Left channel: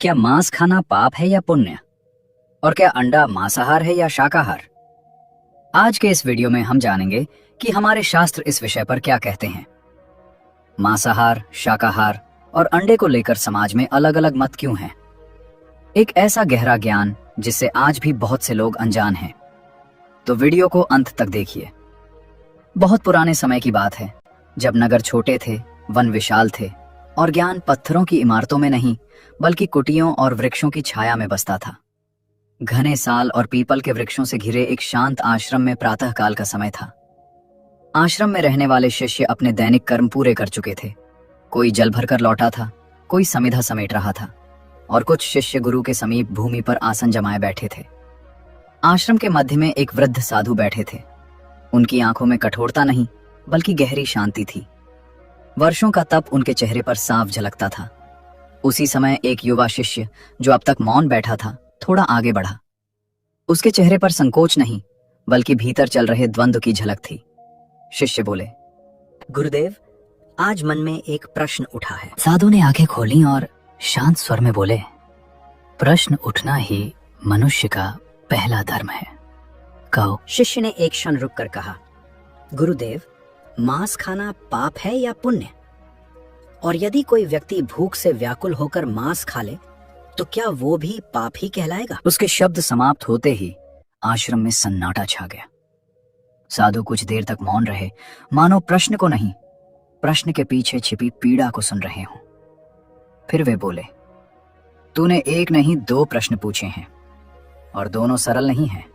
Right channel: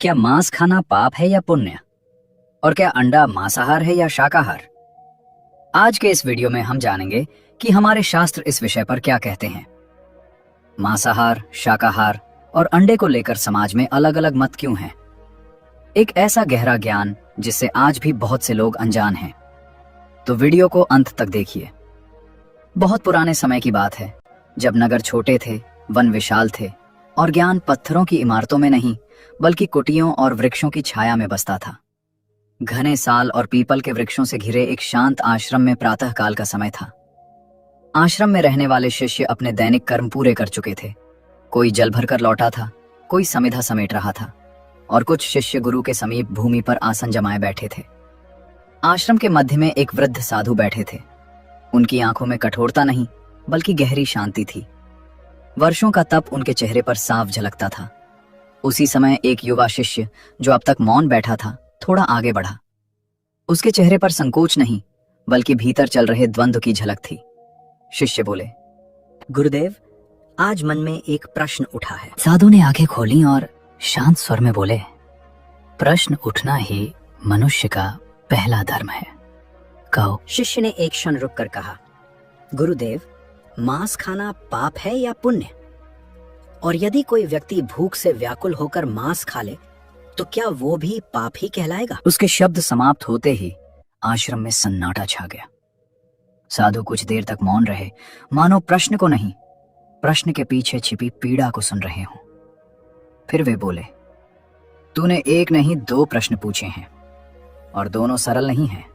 क्या मांस खाना पाप है या पुण्य? और क्या अंडा मांसाहार है या शाकाहार? आज के इस वीडियो में हम जानेंगे कि हमारे शास्त्र इस विषय पर क्या कहते हैं। मांसाहार, शाकाहार और अंडे को लेकर समाज में अलग अलग मत क्यों हैं? एक ऐसा गहरा ज्ञान जिससे आज भी बहुत से लोग अनजान हैं। तो वीडियो को अंत तक देखिए। बहुत पुराने समय की बात है, जब नगर छोटे थे, वन विशाल थे और ज्ञान पत्थरों की इमारतों में नहीं बल्कि कुटियों और वृक्षों की छाया में बसता था। घने साल और पीपल के वृक्षों से घिरे एक शांत आश्रम में प्रातःकाल का समय था। आश्रम में रहने वाले शिष्य अपने दैनिक कर्म पूरे कर चुके थे। कोई जल भरकर लौटा था, कोई समिधा समेट रहा था और कुछ शिष्य गुरु के समीप भूमि पर आसन जमाए बैठे थे। आश्रम के मध्य में एक वृद्ध साधु बैठे थे। उनकी आंखों में कठोरता नहीं बल्कि गहरी शांति थी। वर्षों का तप उनके चेहरे पर साफ झलकता था। उसी समय एक युवा शिष्य जो अब तक मौन बैठा था थोड़ा आगे बढ़ा। उसके चेहरे पर संकोच नहीं बल्कि भीतर चल रहे द्वंद्व की झलक थी। शिष्य बोले, गुरुदेव, आज मन में एक प्रश्न उठा है। साधु ने आंखें खोली और शांत स्वर में बोले, प्रश्न उठना ही मनुष्य का पहला धर्म है, कहो। शिष्य ने एक क्षण रुककर कहा, गुरुदेव, मांस खाना पाप है या पुण्य? और यदि कोई व्यक्ति भूख से व्याकुल होकर मांस खा ले तो क्या वो भी पाप ही कहलाएगा? उसके शब्द समाप्त होते ही आश्रम में सन्नाटा छा गया। साधु कुछ देर तक मौन रहे, मानो प्रश्न को नहीं, प्रश्न के पीछे छिपी पीड़ा को सुन रहे हों। फिर वे बोले, तूने एक नहीं दो प्रश्न पूछे हैं और दोनों सरल नहीं हैं।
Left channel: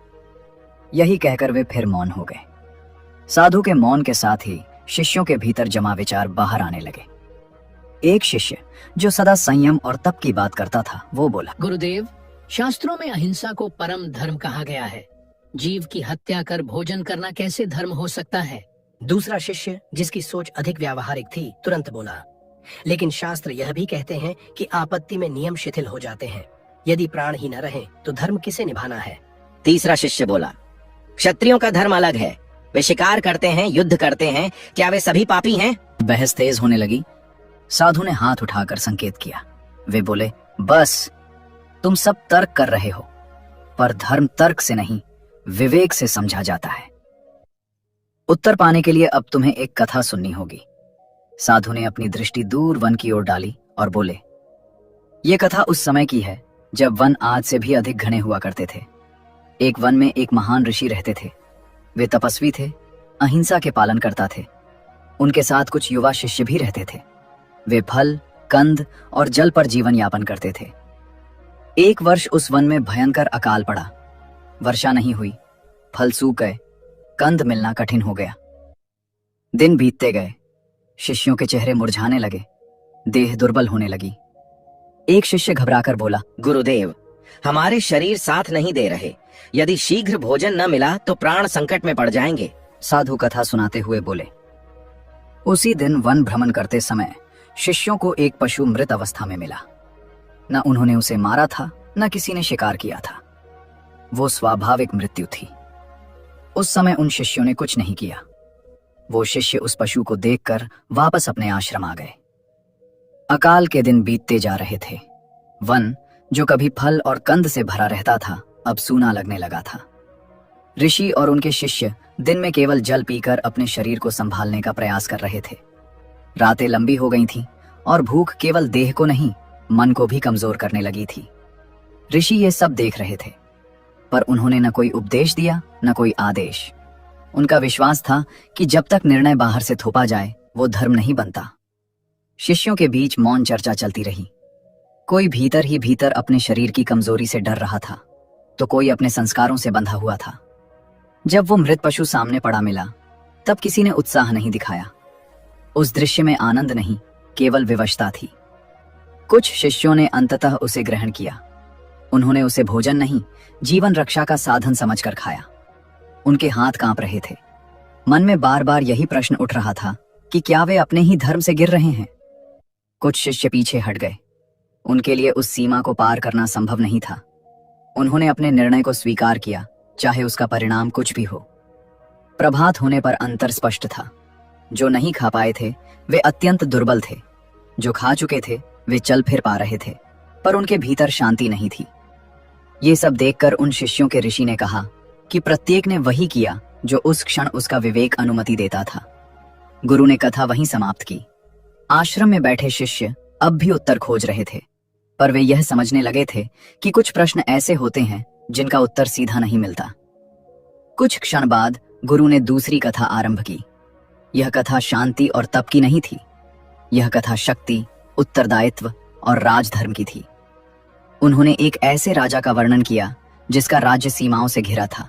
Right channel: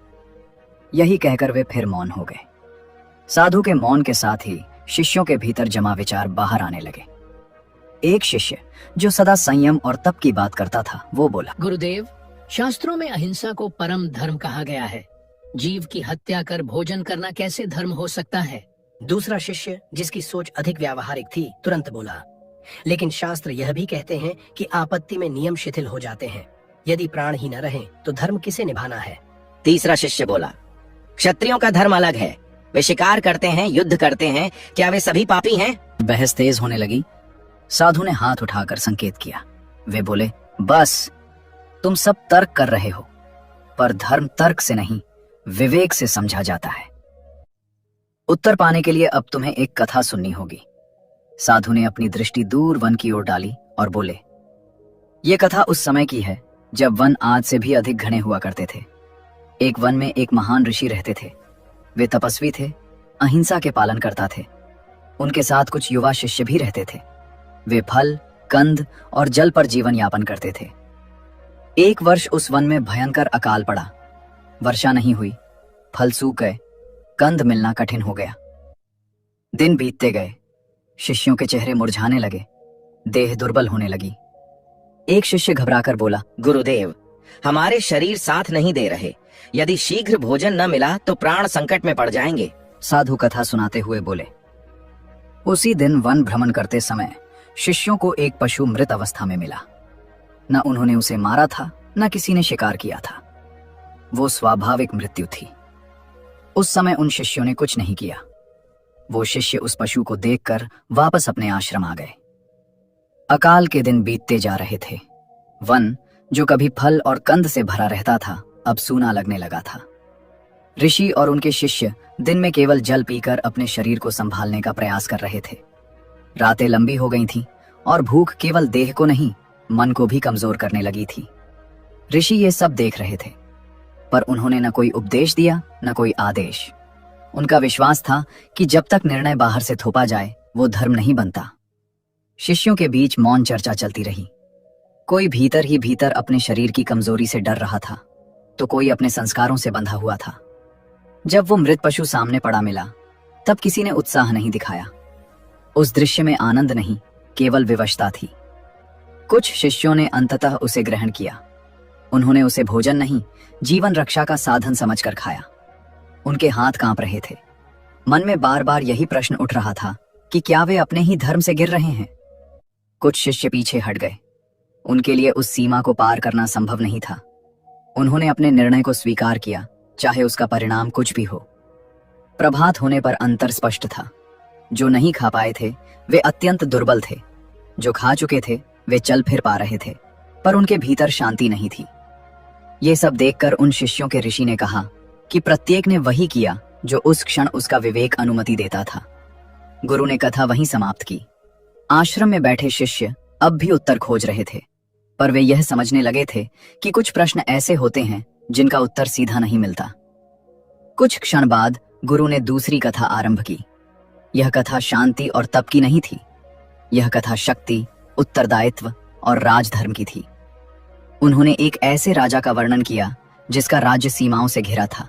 यही कहकर वे फिर मौन हो गए। साधु के मौन के साथ ही शिष्यों के भीतर जमा विचार बाहर आने लगे। एक शिष्य जो सदा संयम और तप की बात करता था, वो बोला, गुरुदेव, शास्त्रों में अहिंसा को परम धर्म कहा गया है। जीव की हत्या कर भोजन करना कैसे धर्म हो सकता है? दूसरा शिष्य, जिसकी सोच अधिक व्यावहारिक थी, तुरंत बोला, लेकिन शास्त्र यह भी कहते हैं कि आपत्ति में नियम शिथिल हो जाते हैं। यदि प्राण ही न रहे तो धर्म किसे निभाना है? तीसरा शिष्य बोला, क्षत्रियों का धर्म अलग है, वे शिकार करते हैं, युद्ध करते हैं, क्या वे सभी पापी हैं? बहस तेज होने लगी। साधु ने हाथ उठाकर संकेत किया। वे बोले, बस, तुम सब तर्क कर रहे हो, पर धर्म तर्क से नहीं विवेक से समझा जाता है। उत्तर पाने के लिए अब तुम्हें एक कथा सुननी होगी। साधु ने अपनी दृष्टि दूर वन की ओर डाली और बोले, ये कथा उस समय की है जब वन आज से भी अधिक घने हुआ करते थे। एक वन में एक महान ऋषि रहते थे। वे तपस्वी थे, अहिंसा के पालन करता थे। उनके साथ कुछ युवा शिष्य भी रहते थे। वे फल, कंद और जल पर जीवन यापन करते थे। एक वर्ष उस वन में भयंकर अकाल पड़ा। वर्षा नहीं हुई, फल सूख गए, कंद मिलना कठिन हो गया। दिन बीतते गए, शिष्यों के चेहरे मुरझाने लगे, देह दुर्बल होने लगी। एक शिष्य घबराकर बोला, गुरुदेव, हमारे शरीर साथ नहीं दे रहे, यदि शीघ्र भोजन न मिला तो प्राण संकट में पड़ जाएंगे। साधु कथा सुनाते हुए बोले, उसी दिन वन भ्रमण करते समय शिष्यों को एक पशु मृत अवस्था में मिला। न उन्होंने उसे मारा था, न किसी ने शिकार किया था। वो स्वाभाविक मृत्यु थी। उस समय उन शिष्यों ने कुछ नहीं किया। वो शिष्य उस पशु को देखकर वापस अपने आश्रम आ गए। अकाल के दिन बीतते जा रहे थे। वन, जो कभी फल और कंद से भरा रहता था, अब सूना लगने लगा था। ऋषि और उनके शिष्य दिन में केवल जल पीकर अपने शरीर को संभालने का प्रयास कर रहे थे। रातें लंबी हो गई थीं और भूख केवल देह को नहीं, मन को भी कमजोर करने लगी थी। ऋषि ये सब देख रहे थे, पर उन्होंने न कोई उपदेश दिया, न कोई आदेश। उनका विश्वास था कि जब तक निर्णय बाहर से थोपा जाए, वो धर्म नहीं बनता। शिष्यों के बीच मौन चर्चा चलती रही। कोई भीतर ही भीतर अपने शरीर की कमजोरी से डर रहा था, तो कोई अपने संस्कारों से बंधा हुआ था। जब वो मृत पशु सामने पड़ा मिला, तब किसी ने उत्साह नहीं दिखाया। उस दृश्य में आनंद नहीं, केवल विवशता थी। कुछ शिष्यों ने अंततः उसे ग्रहण किया। उन्होंने उसे भोजन नहीं, जीवन रक्षा का साधन समझकर खाया। उनके हाथ कांप रहे थे। मन में बार बार यही प्रश्न उठ रहा था कि क्या वे अपने ही धर्म से गिर रहे हैं? कुछ शिष्य पीछे हट गए। उनके लिए उस सीमा को पार करना संभव नहीं था। उन्होंने अपने निर्णय को स्वीकार किया, चाहे उसका परिणाम कुछ भी हो। प्रभात होने पर अंतर स्पष्ट था। जो नहीं खा पाए थे वे अत्यंत दुर्बल थे, जो खा चुके थे वे चल फिर पा रहे थे। पर उनके भीतर शांति नहीं थी। ये सब देखकर उन शिष्यों के ऋषि ने कहा कि प्रत्येक ने वही किया जो उस क्षण उसका विवेक अनुमति देता था। गुरु ने कथा वहीं समाप्त की। आश्रम में बैठे शिष्य अब भी उत्तर खोज रहे थे, पर वे यह समझने लगे थे कि कुछ प्रश्न ऐसे होते हैं जिनका उत्तर सीधा नहीं मिलता। कुछ क्षण बाद गुरु ने दूसरी कथा आरंभ की। यह कथा शांति और तप की नहीं थी। यह कथा शक्ति, उत्तरदायित्व और राजधर्म की थी। उन्होंने एक ऐसे राजा का वर्णन किया जिसका राज्य सीमाओं से घिरा था,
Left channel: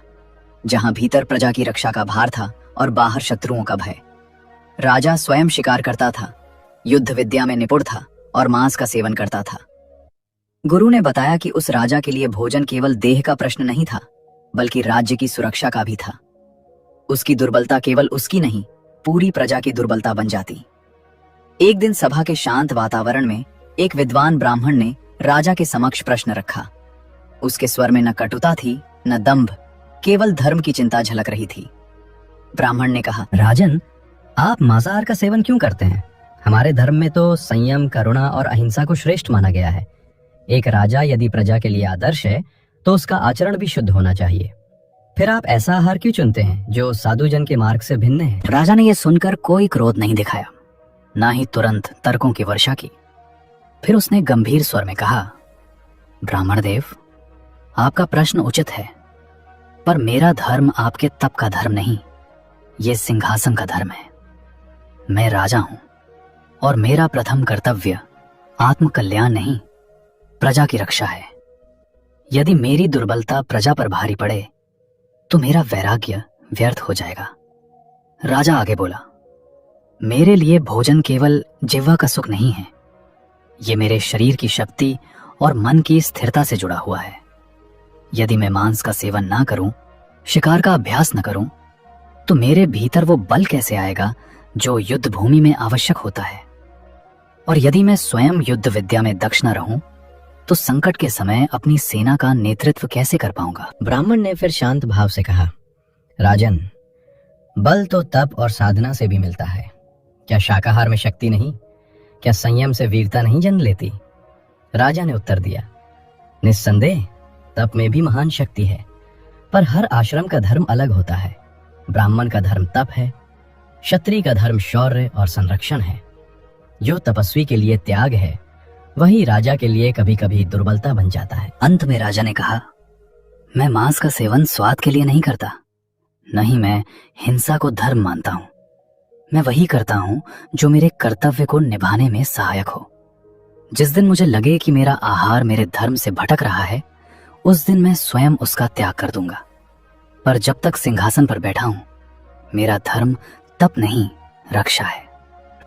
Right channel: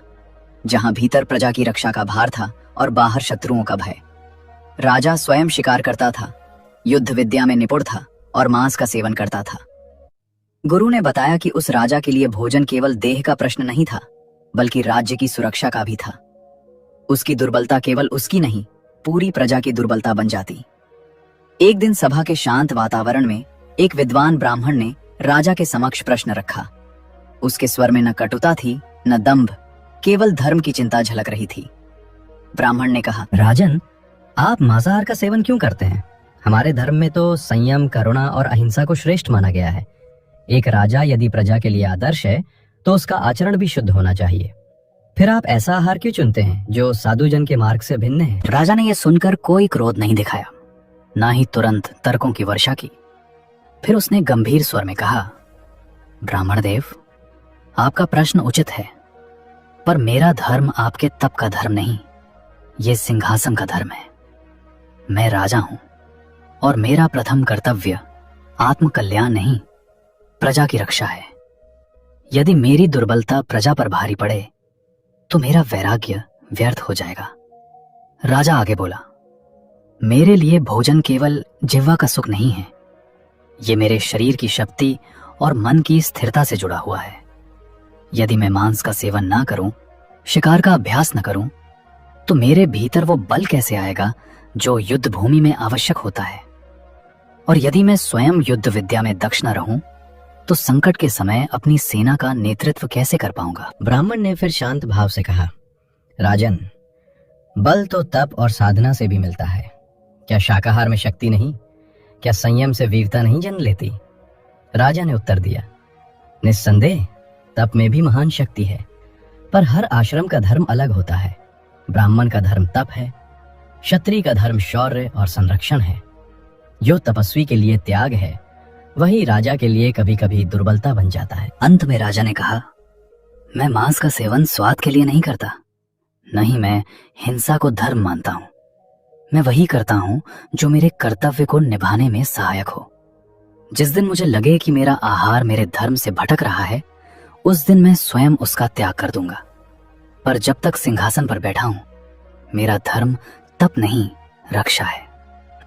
जहां भीतर प्रजा की रक्षा का भार था और बाहर शत्रुओं का भय। राजा स्वयं शिकार करता था, युद्ध विद्या में निपुण था और मांस का सेवन करता था। गुरु ने बताया कि उस राजा के लिए भोजन केवल देह का प्रश्न नहीं था, बल्कि राज्य की सुरक्षा का भी था। उसकी दुर्बलता केवल उसकी नहीं, पूरी प्रजा की दुर्बलता बन जाती। एक दिन सभा के शांत वातावरण में एक विद्वान ब्राह्मण ने राजा के समक्ष प्रश्न रखा। उसके स्वर में न कटुता थी, न दंभ, केवल धर्म की चिंता झलक रही थी। ब्राह्मण ने कहा, राजन, आप मांसाहार का सेवन क्यों करते हैं? हमारे धर्म में तो संयम, करुणा और अहिंसा को श्रेष्ठ माना गया है। एक राजा यदि प्रजा के लिए आदर्श है तो उसका आचरण भी शुद्ध होना चाहिए। फिर आप ऐसा आहार क्यों चुनते हैं जो साधुजन के मार्ग से भिन्न है? राजा ने यह सुनकर कोई क्रोध नहीं दिखाया, ना ही तुरंत तर्कों की वर्षा की। फिर उसने गंभीर स्वर में कहा, ब्राह्मण देव, आपका प्रश्न उचित है, पर मेरा धर्म आपके तप का धर्म नहीं, ये सिंहासन का धर्म है। मैं राजा हूं और मेरा प्रथम कर्तव्य आत्म कल्याण नहीं, प्रजा की रक्षा है। यदि मेरी दुर्बलता प्रजा पर भारी पड़े तो मेरा वैराग्य व्यर्थ हो जाएगा। राजा आगे बोला, मेरे लिए भोजन केवल जिह्वा का सुख नहीं है, ये मेरे शरीर की शक्ति और मन की स्थिरता से जुड़ा हुआ है। यदि मैं मांस का सेवन ना करूं, शिकार का अभ्यास न करूं, तो मेरे भीतर वो बल कैसे आएगा जो युद्ध भूमि में आवश्यक होता है? और यदि मैं स्वयं युद्ध विद्या में दक्ष न रहूं, तो संकट के समय अपनी सेना का नेतृत्व कैसे कर पाऊंगा? ब्राह्मण ने फिर शांत भाव से कहा, राजन, बल तो तप और साधना से भी मिलता है। क्या शाकाहार में शक्ति नहीं? क्या संयम से वीरता नहीं जन्म लेती? राजा ने उत्तर दिया, निस्संदेह तप में भी महान शक्ति है, पर हर आश्रम का धर्म अलग होता है। ब्राह्मण का धर्म तप है, क्षत्रिय का धर्म शौर्य और संरक्षण है। जो तपस्वी के लिए त्याग है, वही राजा के लिए कभी कभी दुर्बलता बन जाता है। अंत में राजा ने कहा, मैं मांस का सेवन स्वाद के लिए नहीं करता, नहीं मैं हिंसा को धर्म मानता हूं। मैं वही करता हूं जो मेरे कर्तव्य को निभाने में सहायक हो। जिस दिन मुझे लगे कि मेरा आहार मेरे धर्म से भटक रहा है, उस दिन मैं स्वयं उसका त्याग कर दूंगा। पर जब तक सिंहासन पर बैठा हूं, मेरा धर्म तप नहीं, रक्षा है।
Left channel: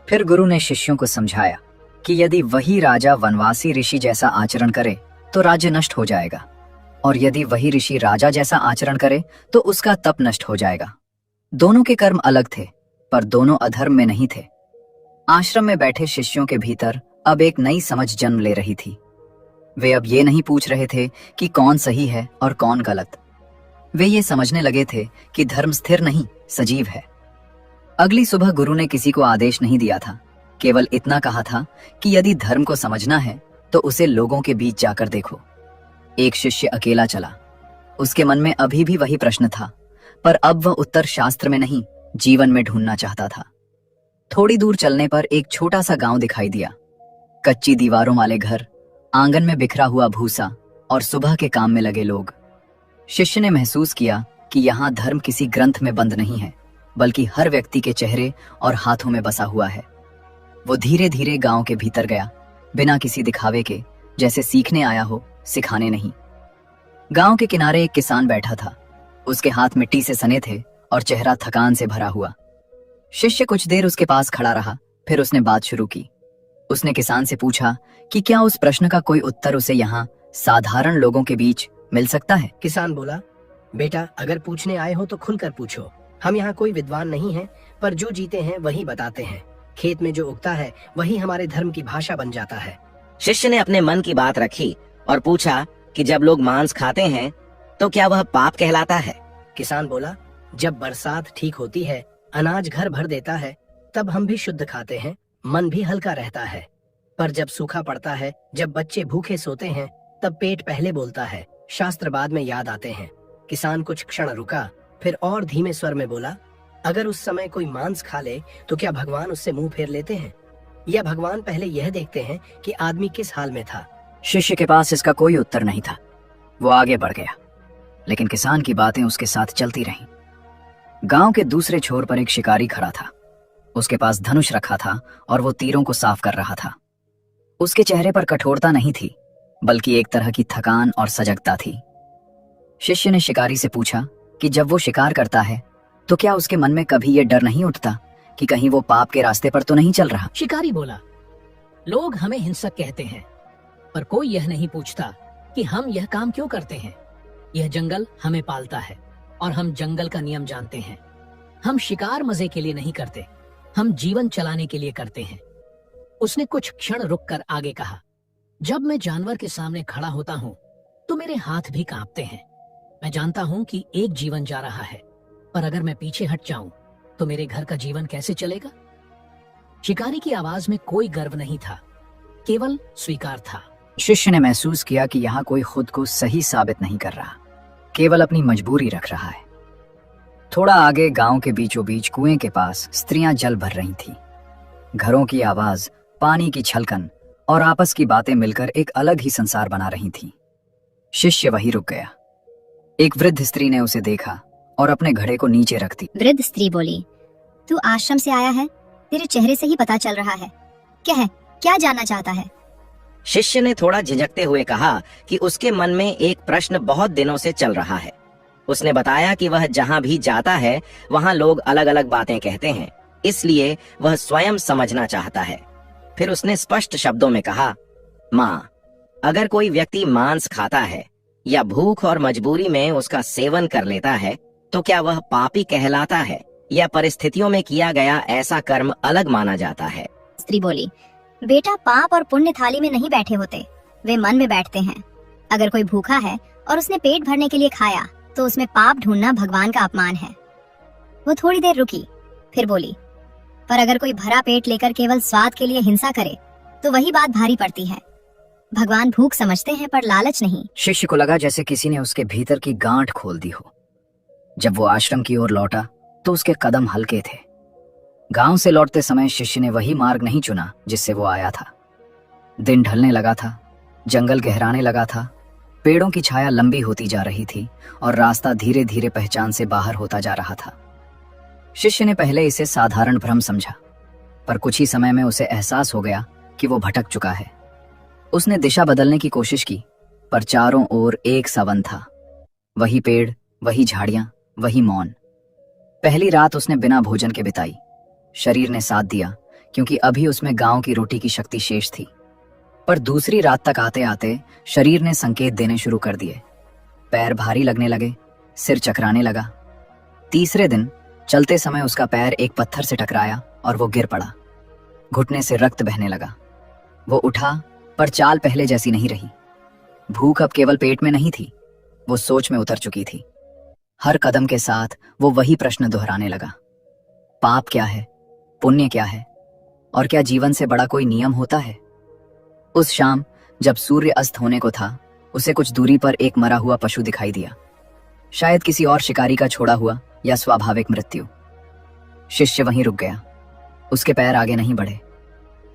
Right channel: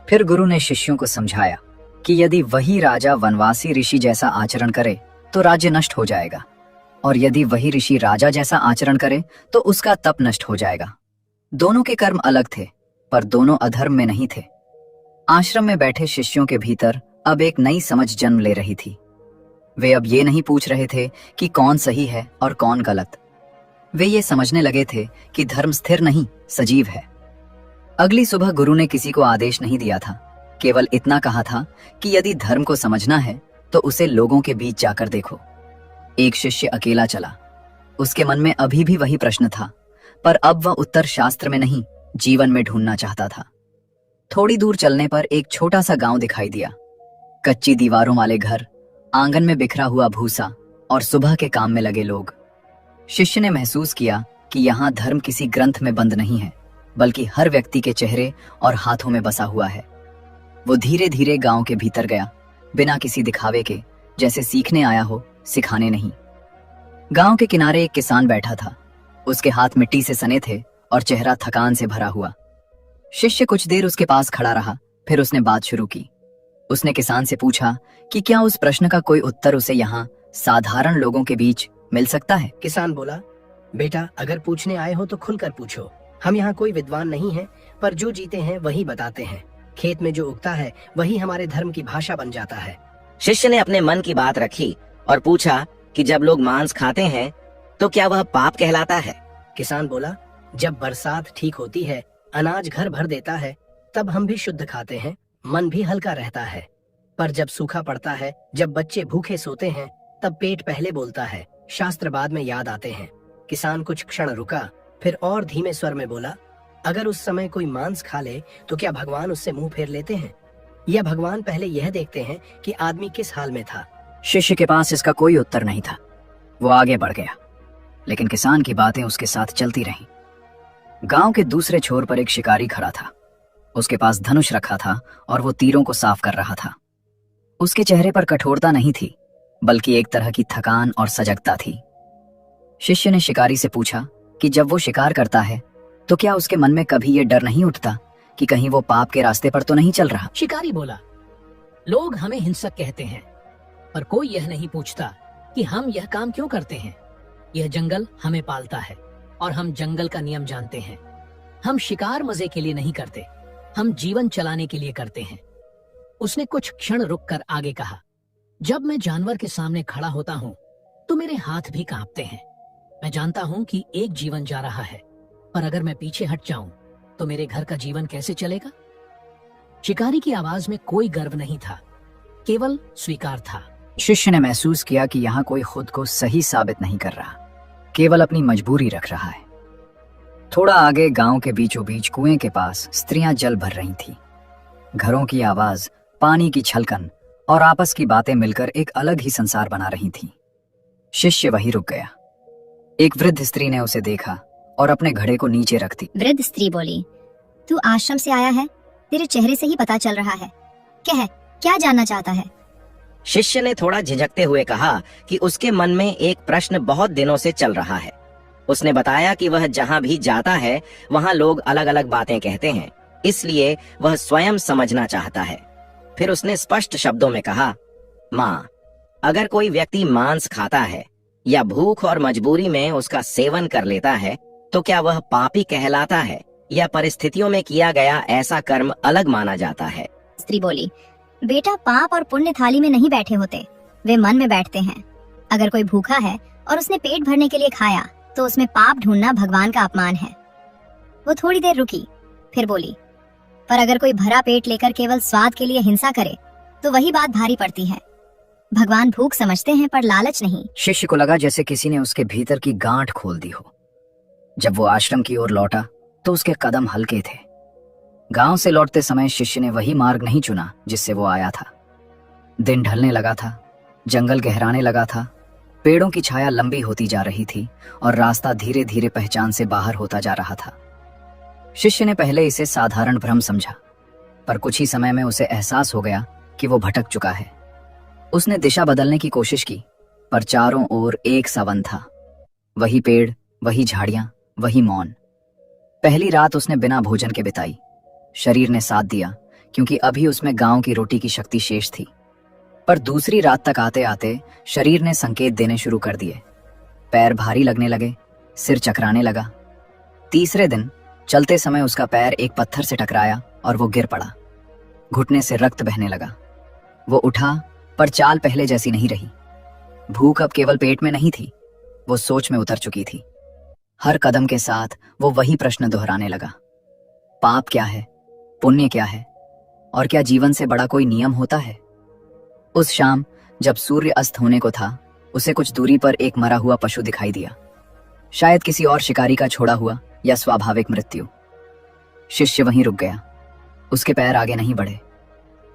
फिर गुरु ने शिष्यों को समझाया कि यदि वही राजा वनवासी ऋषि जैसा आचरण करे तो राज्य नष्ट हो जाएगा, और यदि वही ऋषि राजा जैसा आचरण करे तो उसका तप नष्ट हो जाएगा। दोनों के कर्म अलग थे, पर दोनों अधर्म में नहीं थे। आश्रम में बैठे शिष्यों के भीतर अब एक नई समझ जन्म ले रही थी। वे अब ये नहीं पूछ रहे थे कि कौन सही है और कौन गलत। वे ये समझने लगे थे कि धर्म स्थिर नहीं, सजीव है। अगली सुबह गुरु ने किसी को आदेश नहीं दिया था, केवल इतना कहा था कि यदि धर्म को समझना है तो उसे लोगों के बीच जाकर देखो। एक शिष्य अकेला चला। उसके मन में अभी भी वही प्रश्न था, पर अब वह उत्तर शास्त्र में नहीं, जीवन में ढूंढना चाहता था। थोड़ी दूर चलने पर एक छोटा सा गांव दिखाई दिया। कच्ची दीवारों वाले घर, आंगन में बिखरा हुआ भूसा और सुबह के काम में लगे लोग। शिष्य ने महसूस किया कि यहाँ धर्म किसी ग्रंथ में बंद नहीं है, बल्कि हर व्यक्ति के चेहरे और हाथों में बसा हुआ है। वो धीरे धीरे गांव के भीतर गया, बिना किसी दिखावे के, जैसे सीखने आया हो, सिखाने नहीं। गांव के किनारे एक किसान बैठा था। उसके हाथ मिट्टी से सने थे और चेहरा थकान से भरा हुआ। शिष्य कुछ देर उसके पास खड़ा रहा, फिर उसने बात शुरू की। उसने किसान से पूछा कि क्या उस प्रश्न का कोई उत्तर उसे यहाँ साधारण लोगों के बीच मिल सकता है। किसान बोला, बेटा, अगर पूछने आए हो तो खुलकर पूछो। हम यहाँ कोई विद्वान नहीं है, पर जो जीते हैं वही बताते हैं। खेत में जो उगता है वही हमारे धर्म की भाषा बन जाता है। शिष्य ने अपने मन की बात रखी और पूछा कि जब लोग मांस खाते हैं तो क्या वह पाप कहलाता है? किसान बोला, जब बरसात ठीक होती है, अनाज घर भर देता है, तब हम भी शुद्ध खाते हैं, मन भी हल्का रहता है। पर जब सूखा पड़ता है, जब बच्चे भूखे सोते हैं, तब पेट पहले बोलता है, शास्त्र बाद में याद आते हैं। किसान कुछ क्षण रुका, फिर और धीमे स्वर में बोला, अगर उस समय कोई मांस खा ले तो क्या भगवान उससे मुंह फेर लेते हैं, या भगवान पहले यह देखते हैं कि आदमी किस हाल में था? शिष्य के पास इसका कोई उत्तर नहीं था। वो आगे बढ़ गया, लेकिन किसान की बातें उसके साथ चलती रहीं। गांव के दूसरे छोर पर एक शिकारी खड़ा था। उसके पास धनुष रखा था और वो तीरों को साफ कर रहा था। उसके चेहरे पर कठोरता नहीं थी, बल्कि एक तरह की थकान और सजगता थी। शिष्य ने शिकारी से पूछा कि जब वो शिकार करता है तो क्या उसके मन में कभी ये डर नहीं उठता कि कहीं वो पाप के रास्ते पर तो नहीं चल रहा? शिकारी बोला, लोग हमें हिंसक कहते हैं, पर कोई यह नहीं पूछता कि हम यह काम क्यों करते हैं। यह जंगल हमें पालता है और हम जंगल का नियम जानते हैं। हम शिकार मजे के लिए नहीं करते, हम जीवन चलाने के लिए करते हैं। उसने कुछ क्षण रुककर आगे कहा, जब मैं जानवर के सामने खड़ा होता हूँ तो मेरे हाथ भी कांपते हैं। मैं जानता हूँ कि एक जीवन जा रहा है, पर अगर मैं पीछे हट जाऊं तो मेरे घर का जीवन कैसे चलेगा? शिकारी की आवाज में कोई गर्व नहीं था, केवल स्वीकार था। शिष्य ने महसूस किया कि यहाँ कोई खुद को सही साबित नहीं कर रहा, केवल अपनी मजबूरी रख रहा है। थोड़ा आगे गांव के बीचों बीच कुएं के पास स्त्रियां जल भर रही थीं। घरों की आवाज, पानी की छलकन और आपस की बातें मिलकर एक अलग ही संसार बना रही थीं। शिष्य वहीं रुक गया। एक वृद्ध स्त्री ने उसे देखा और अपने घड़े को नीचे रख दी। वृद्ध स्त्री बोली, तू आश्रम से आया है, तेरे चेहरे से ही पता चल रहा है। कह, क्या जानना चाहता है? शिष्य ने थोड़ा झिझकते हुए कहा कि उसके मन में एक प्रश्न बहुत दिनों से चल रहा है। उसने बताया कि वह जहाँ भी जाता है वहाँ लोग अलग अलग बातें कहते हैं, इसलिए वह स्वयं समझना चाहता है। फिर उसने स्पष्ट शब्दों में कहा, माँ, अगर कोई व्यक्ति मांस खाता है या भूख और मजबूरी में उसका सेवन कर लेता है तो क्या वह पापी कहलाता है या परिस्थितियों में किया गया ऐसा कर्म अलग माना जाता है? स्त्री बोली, बेटा, पाप और पुण्य थाली में नहीं बैठे होते, वे मन में बैठते हैं। अगर कोई भूखा है और उसने पेट भरने के लिए खाया तो उसमें पाप ढूंढना भगवान का अपमान है। वो थोड़ी देर रुकी, फिर बोली, पर अगर कोई भरा पेट लेकर केवल स्वाद के लिए हिंसा करे तो वही बात भारी पड़ती है। भगवान भूख समझते हैं पर लालच नहीं। शिष्य को लगा जैसे किसी ने उसके भीतर की गांठ खोल दी हो। जब वो आश्रम की ओर लौटा तो उसके कदम हल्के थे। गांव से लौटते समय शिष्य ने वही मार्ग नहीं चुना जिससे वो आया था। दिन ढलने लगा था, जंगल गहराने लगा था, पेड़ों की छाया लंबी होती जा रही थी और रास्ता धीरे धीरे पहचान से बाहर होता जा रहा था। शिष्य ने पहले इसे साधारण भ्रम समझा, पर कुछ ही समय में उसे एहसास हो गया कि वो भटक चुका है। उसने दिशा बदलने की कोशिश की, पर चारों ओर एक सा वन था। वही पेड़, वही झाड़ियां, वही मौन। पहली रात उसने बिना भोजन के बिताई। शरीर ने साथ दिया क्योंकि अभी उसमें गांव की रोटी की शक्ति शेष थी। पर दूसरी रात तक आते आते शरीर ने संकेत देने शुरू कर दिए। पैर भारी लगने लगे, सिर चकराने लगा। तीसरे दिन चलते समय उसका पैर एक पत्थर से टकराया और वो गिर पड़ा। घुटने से रक्त बहने लगा। वो उठा, पर चाल पहले जैसी नहीं रही। भूख अब केवल पेट में नहीं थी, वो सोच में उतर चुकी थी। हर कदम के साथ वो वही प्रश्न दोहराने लगा, पाप क्या है, पुण्य क्या है, और क्या जीवन से बड़ा कोई नियम होता है? उस शाम जब सूर्य अस्त होने को था, उसे कुछ दूरी पर एक मरा हुआ पशु दिखाई दिया। शायद किसी और शिकारी का छोड़ा हुआ या स्वाभाविक मृत्यु। शिष्य वहीं रुक गया। उसके पैर आगे नहीं बढ़े।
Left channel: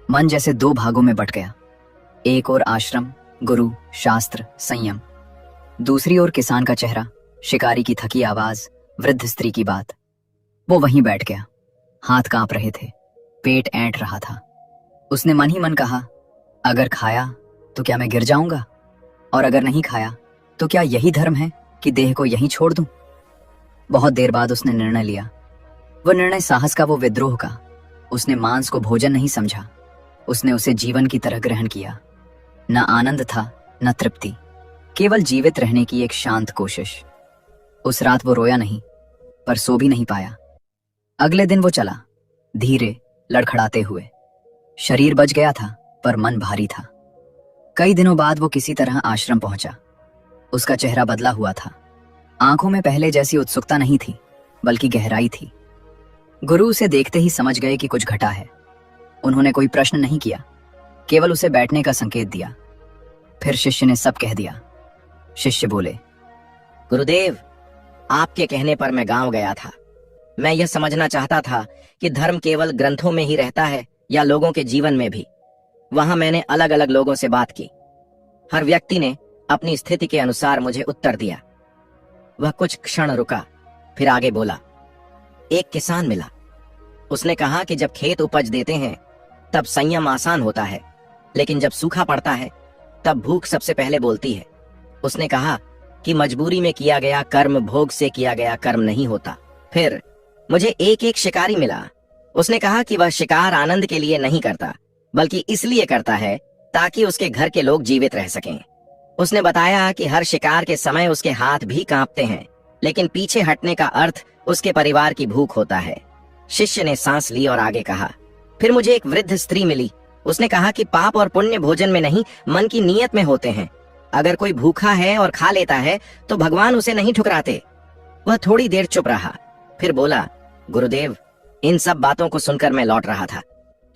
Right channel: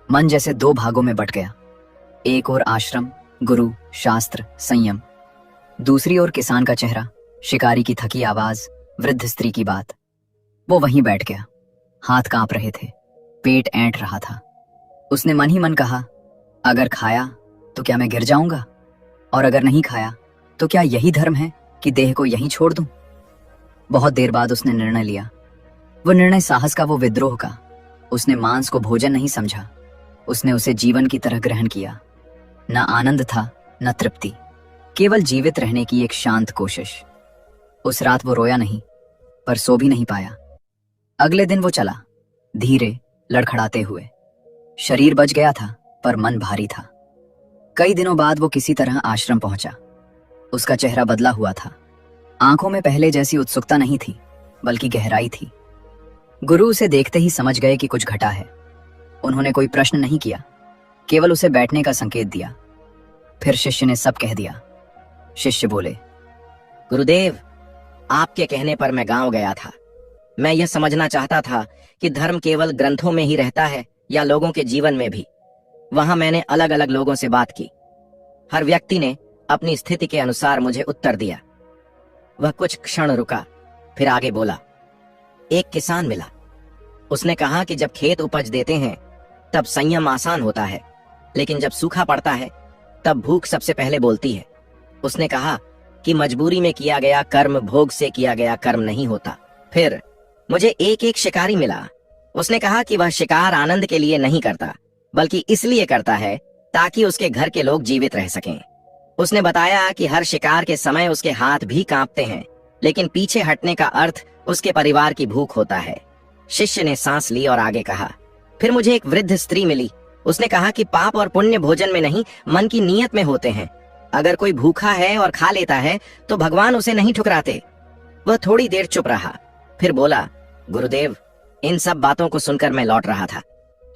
मन जैसे दो भागों में बट गया। एक ओर आश्रम, गुरु, शास्त्र, संयम। दूसरी ओर किसान का चेहरा, शिकारी की थकी आवाज, वृद्ध स्त्री की बात। वो वहीं बैठ गया। हाथ कांप रहे थे, पेट ऐंठ रहा था। उसने मन ही मन कहा, अगर खाया तो क्या मैं गिर जाऊंगा, और अगर नहीं खाया तो क्या यही धर्म है कि देह को यहीं छोड़ दूं? बहुत देर बाद उसने निर्णय लिया। वो निर्णय साहस का, वो विद्रोह का। उसने मांस को भोजन नहीं समझा, उसने उसे जीवन की तरह ग्रहण किया। न आनंद था, न तृप्ति, केवल जीवित रहने की एक शांत कोशिश। उस रात वो रोया नहीं, पर सो भी नहीं पाया। अगले दिन वो चला, धीरे, लड़खड़ाते हुए। शरीर बच गया था, पर मन भारी था। कई दिनों बाद वो किसी तरह आश्रम पहुंचा। उसका चेहरा बदला हुआ था। आंखों में पहले जैसी उत्सुकता नहीं थी, बल्कि गहराई थी। गुरु उसे देखते ही समझ गए कि कुछ घटा है। उन्होंने कोई प्रश्न नहीं किया, केवल उसे बैठने का संकेत दिया। फिर शिष्य ने सब कह दिया। शिष्य बोले, गुरुदेव, आपके कहने पर मैं गांव गया था। मैं यह समझना चाहता था कि धर्म केवल ग्रंथों में ही रहता है या लोगों के जीवन में भी। वहां मैंने अलग अलग लोगों से बात की। हर व्यक्ति ने अपनी स्थिति के अनुसार मुझे उत्तर दिया। वह कुछ क्षण रुका, फिर आगे बोला। एक किसान मिला। उसने कहा कि जब खेत उपज देते हैं तब संयम आसान होता है, लेकिन जब सूखा पड़ता है तब भूख सबसे पहले बोलती है। उसने कहा कि मजबूरी में किया गया कर्म भोग से किया गया कर्म नहीं होता। फिर मुझे एक शिकारी मिला। उसने कहा कि वह शिकार आनंद के लिए नहीं करता, बल्कि इसलिए करता है ताकि उसके घर के लोग जीवित रह सकें। उसने बताया कि हर शिकार के समय उसके हाथ भी कांपते हैं, लेकिन पीछे हटने का अर्थ उसके परिवार की भूख होता है। शिष्य ने सांस ली और आगे कहा। फिर मुझे एक वृद्ध स्त्री मिली। उसने कहा कि पाप और पुण्य भोजन में नहीं, मन की नीयत में होते हैं। अगर कोई भूखा है और खा लेता है तो भगवान उसे नहीं ठुकराते। वह थोड़ी देर चुप रहा, फिर बोला, गुरुदेव, इन सब बातों को सुनकर मैं लौट रहा था,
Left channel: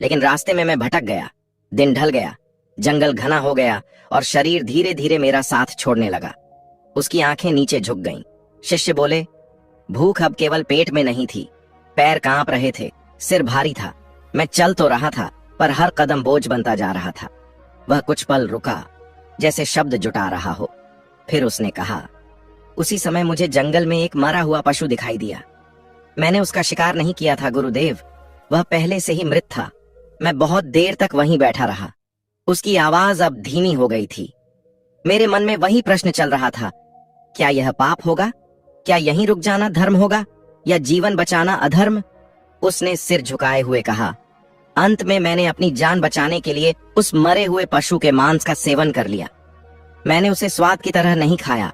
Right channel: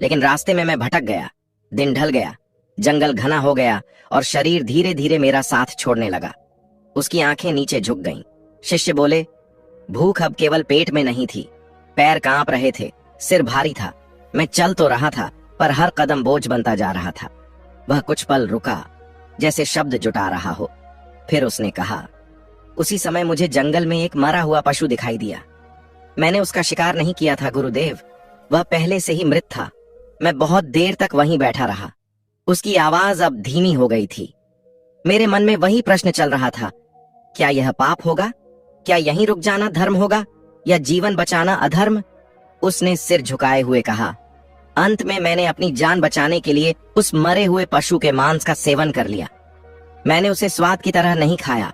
लेकिन रास्ते में मैं भटक गया। दिन ढल गया, जंगल घना हो गया और शरीर धीरे धीरे मेरा साथ छोड़ने लगा। उसकी आंखें नीचे झुक गईं। शिष्य बोले, भूख अब केवल पेट में नहीं थी, पैर कांप रहे थे, सिर भारी था। मैं चल तो रहा था, पर हर कदम बोझ बनता जा रहा था। वह कुछ पल रुका, जैसे शब्द जुटा रहा हो। फिर उसने कहा, उसी समय मुझे जंगल में एक मरा हुआ पशु दिखाई दिया। मैंने उसका शिकार नहीं किया था गुरुदेव, वह पहले से ही मृत था। मैं बहुत देर तक वहीं बैठा रहा। उसकी आवाज अब धीमी हो गई थी। मेरे मन में वही प्रश्न चल रहा था, क्या यह पाप होगा? क्या यहीं रुक जाना धर्म होगा या जीवन बचाना अधर्म? उसने सिर झुकाए हुए कहा, अंत में मैंने अपनी जान बचाने के लिए उस मरे हुए पशु के मांस का सेवन कर लिया। मैंने उसे स्वाद की तरह नहीं खाया,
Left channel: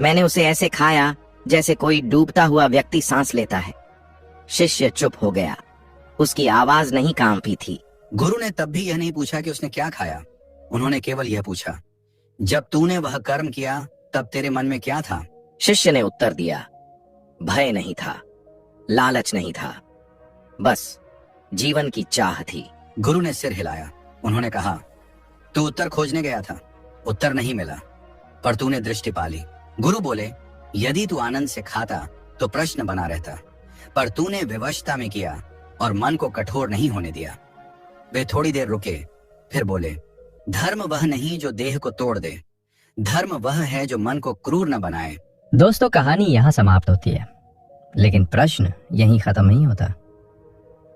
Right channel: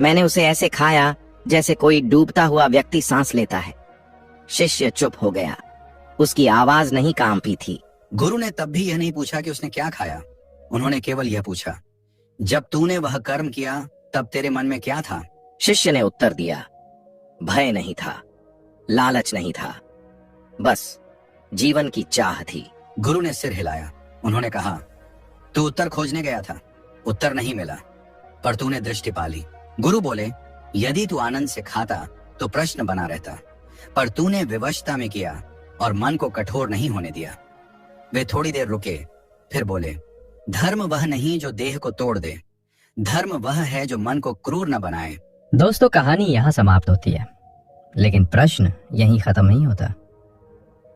मैंने उसे ऐसे खाया जैसे कोई डूबता हुआ व्यक्ति सांस लेता है। शिष्य चुप हो गया, उसकी आवाज नहीं कांपी थी। गुरु ने तब भी यह नहीं पूछा कि उसने क्या खाया। उन्होंने केवल यह पूछा, जब तूने वह कर्म किया तब तेरे मन में क्या था? शिष्य ने उत्तर दिया, भय नहीं था, लालच नहीं था, बस जीवन की चाह थी। गुरु ने सिर हिलाया। उन्होंने कहा, तू उत्तर खोजने गया था, उत्तर नहीं मिला, पर तूने दृष्टि पाली। गुरु बोले, यदि तू आनंद से खाता तो प्रश्न बना रहता, पर तूने विवशता में किया और मन को कठोर नहीं होने दिया। वे थोड़ी देर रुके, फिर बोले, धर्म वह नहीं जो देह को तोड़ दे, धर्म वह है जो मन को क्रूर न बनाए। दोस्तों, कहानी यहाँ समाप्त होती है, लेकिन प्रश्न यहीं खत्म नहीं होता।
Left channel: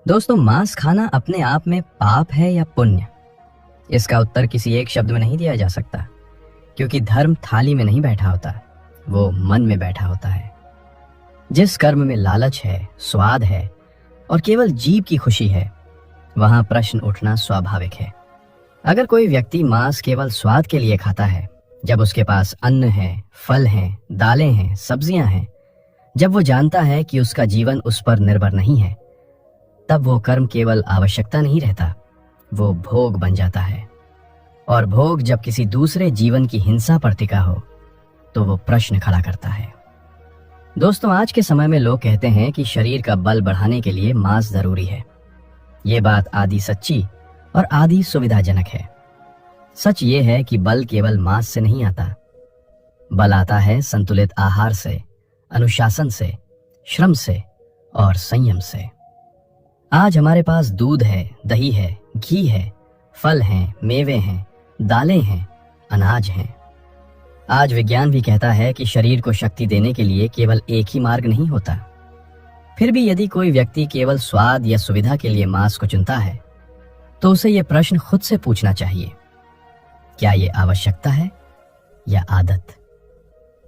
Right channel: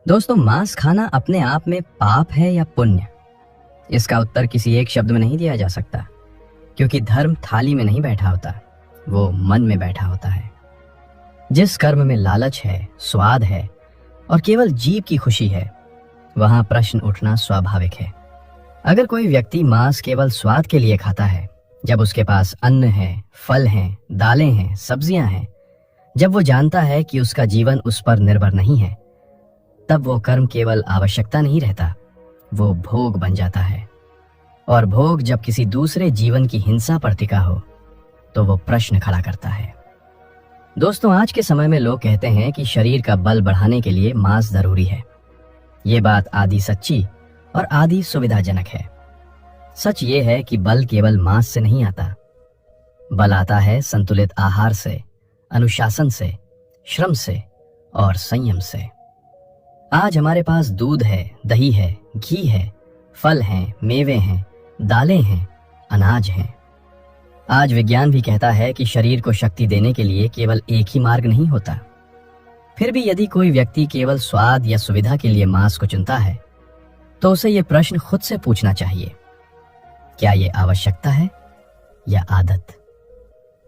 दोस्तों, मांस खाना अपने आप में पाप है या पुण्य? इसका उत्तर किसी एक शब्द में नहीं दिया जा सकता, क्योंकि धर्म थाली में नहीं बैठा होता, वो मन में बैठा होता है। जिस कर्म में लालच है, स्वाद है और केवल जीव की खुशी है, वहां प्रश्न उठना स्वाभाविक है। अगर कोई व्यक्ति मांस केवल स्वाद के लिए खाता है, जब उसके पास अन्न है, फल हैं, दालें हैं, सब्जियां हैं, जब वो जानता है कि उसका जीवन उस पर निर्भर नहीं है, तब वो कर्म केवल आवश्यकता नहीं रहता, वो भोग बन जाता है। और भोग जब किसी दूसरे जीवन की हिंसा पर टिका हो, तो वो प्रश्न खड़ा करता है। दोस्तों, आज के समय में लोग कहते हैं कि शरीर का बल बढ़ाने के लिए मांस जरूरी है। ये बात आधी सच्ची और आधी सुविधाजनक है। सच ये है कि बल केवल मांस से नहीं आता, बल आता है संतुलित आहार से, अनुशासन से, श्रम से और संयम से। आज हमारे पास दूध है, दही है, घी है, फल हैं, मेवे हैं, दालें हैं, अनाज हैं। आज विज्ञान भी कहता है कि शरीर को शक्ति देने के लिए केवल एक ही मार्ग नहीं होता। फिर भी यदि कोई व्यक्ति केवल स्वाद या सुविधा के लिए मांस को चुनता है, तो उसे यह प्रश्न खुद से पूछना चाहिए, क्या ये आवश्यकता है या आदत?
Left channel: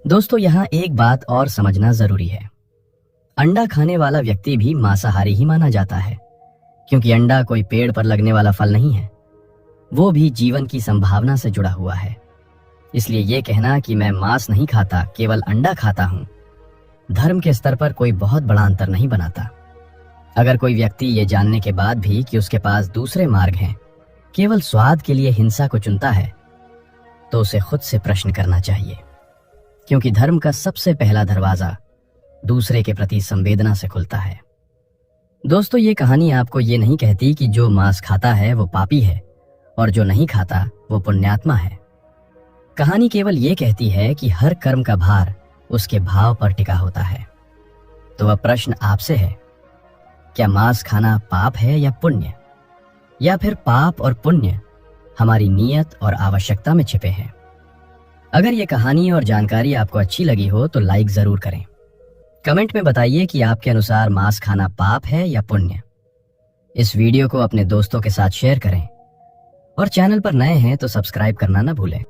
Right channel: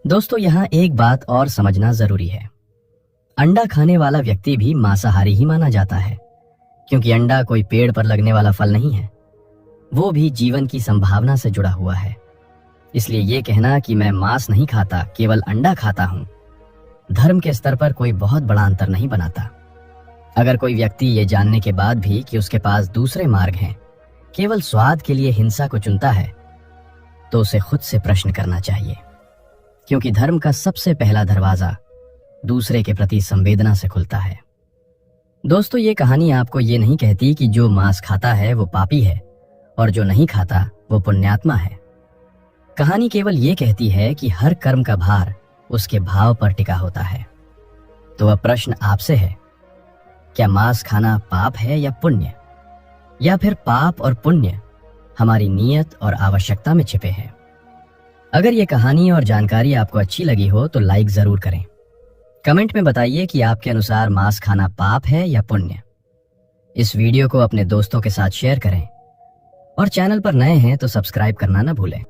दोस्तों, यहाँ एक बात और समझना जरूरी है। अंडा खाने वाला व्यक्ति भी मांसाहारी ही माना जाता है, क्योंकि अंडा कोई पेड़ पर लगने वाला फल नहीं है, वो भी जीवन की संभावना से जुड़ा हुआ है। इसलिए ये कहना कि मैं मांस नहीं खाता, केवल अंडा खाता हूँ, धर्म के स्तर पर कोई बहुत बड़ा अंतर नहीं बनाता। अगर कोई व्यक्ति ये जानने के बाद भी कि उसके पास दूसरे मार्ग हैं, केवल स्वाद के लिए हिंसा को चुनता है, तो उसे खुद से प्रश्न करना चाहिए, क्योंकि धर्म का सबसे पहला दरवाजा दूसरे के प्रति संवेदना से खुलता है। दोस्तों, ये कहानी आपको ये नहीं कहती कि जो मांस खाता है वो पापी है और जो नहीं खाता वो पुण्यात्मा है। कहानी केवल ये कहती है कि हर कर्म का भार उसके भाव पर टिका होता है। तो वह प्रश्न आपसे है, क्या मांस खाना पाप है या पुण्य, या फिर पाप और पुण्य हमारी नीयत और आवश्यकता में छिपे हैं? अगर ये कहानी और जानकारी आपको अच्छी लगी हो तो लाइक जरूर करें। कमेंट में बताइए कि आपके अनुसार मांस खाना पाप है या पुण्य। इस वीडियो को अपने दोस्तों के साथ शेयर करें और चैनल पर नए हैं तो सब्सक्राइब करना ना भूलें।